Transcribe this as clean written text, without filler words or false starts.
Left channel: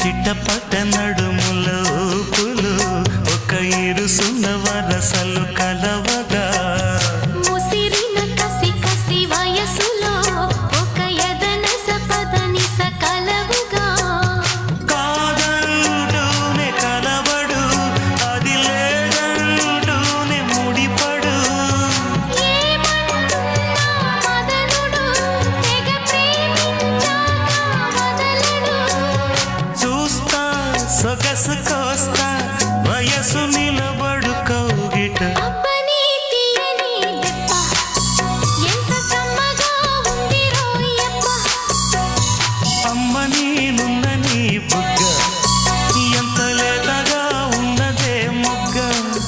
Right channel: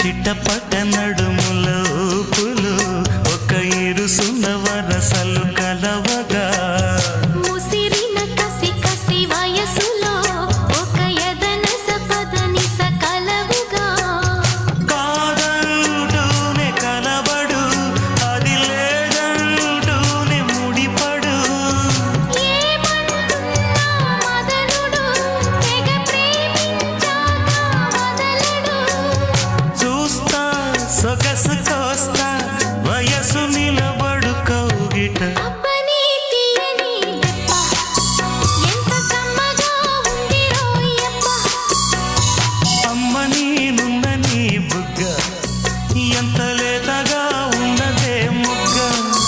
చిట్టపట్ట నడుముల ఊపులు ఒక ఇరుసున్న వరసలు కలవగా ముసిరిన కసి కసి వయసులో ఒక యదన సపదని సకలవుగా కాదంటూనే కలబడు అది లేదంటూనే ముడిపడు ఏమంటున్నా మదనుడు తెగ ప్రేమించాక వదలడు చూస్తా సొగసు కోస్తా వయసు నిలబడు కౌగిట అబ్బని తీయని దెబ్బ ఎంత కమ్మగా ఉంది రోయప్ప అమ్మ నేనున్న నీ బుగ్గ ఎంత లేతగా ఉన్నదే మొగ్గ